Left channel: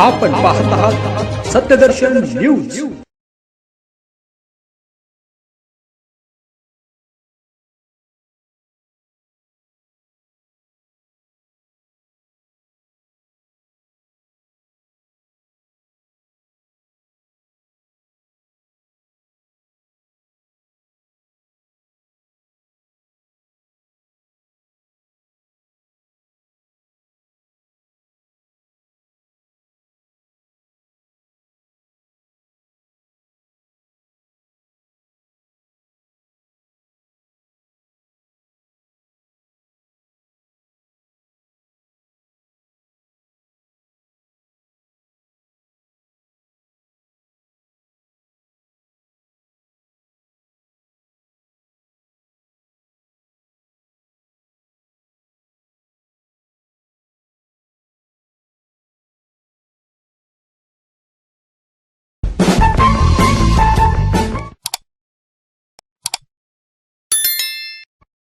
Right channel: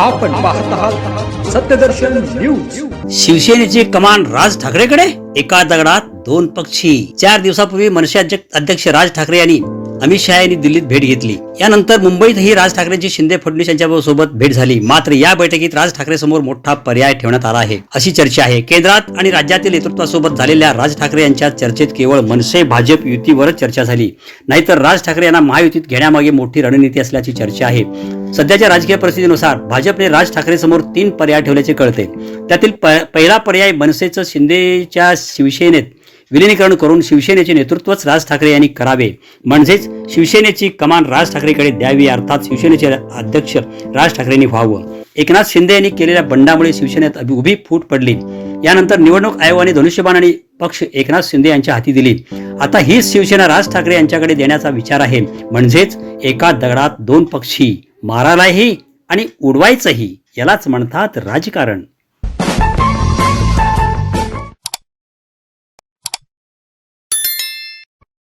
आपण पाहत आहात सत्यदर्शन न्यूज. शिवसेनेची कमान राज ठाकरेकडे? एका दगडात दोन पक्षी. चार दिवसापूर्वी मनसे अध्यक्ष अध्यक्ष राज ठाकरे यांनी अमित शहा यांनी दिल्लीत भेट घेतली. यानंतर मुंबईतही राज ठाकरेंची शिंदे फडणवीस यांच्या सोबत भेट झाली. मात्र या बैठकीत राज ठाकरे समोर मोठा पर्याय ठेवण्यात आला आहे अशी चर्चा आहे. केंद्रात आणि राज्यातील नेतृत्वासोबत झालेल्या राज ठाकरे यांच्या चर्चेत केवळ मनसे भाजप युतीवरच चर्चा झाली. नाहीतर राज ठाकरे यांना महायुतीत घेण्यामागे मोठी रणनीती असल्याची चर्चा आहे. सध्याच्या राजकीय परिस्थितीनुसार भाजपने राज ठाकरे समोर तीन पर्याय ठेवल्याचे कळते. त्यातील पहिला पर्याय मनसेचं शिंदेच्या शिवसेनेत विलिनीकरण करून शिवसेनेचे नेतृत्वच राज ठाकरे यांनी करावे. म्हणजेच शिवसेनेची कमान राज ठाकरेकडे द्यावी अर्थात शिवसेनेचे अध्यक्ष राज ठाकरेंनी व्हावं. एकनाथ शिंदे यांनी केलेल्या बंडामुळे शिवसेनेत उभी फूट पडली. यानंतर निवडणूक आयोगाने धनुष्यबाण आणि पक्ष एकनाथ शिंदे यांच्या हाती दिली. आता हीच शिवसेना राज ठाकरे यांच्याकडे देण्याचा विचार आहे. म्हणजेच एका दगडात दोन पक्षी मारायलाही आणि उडवायचंही यालाच म्हणतात राजकारण.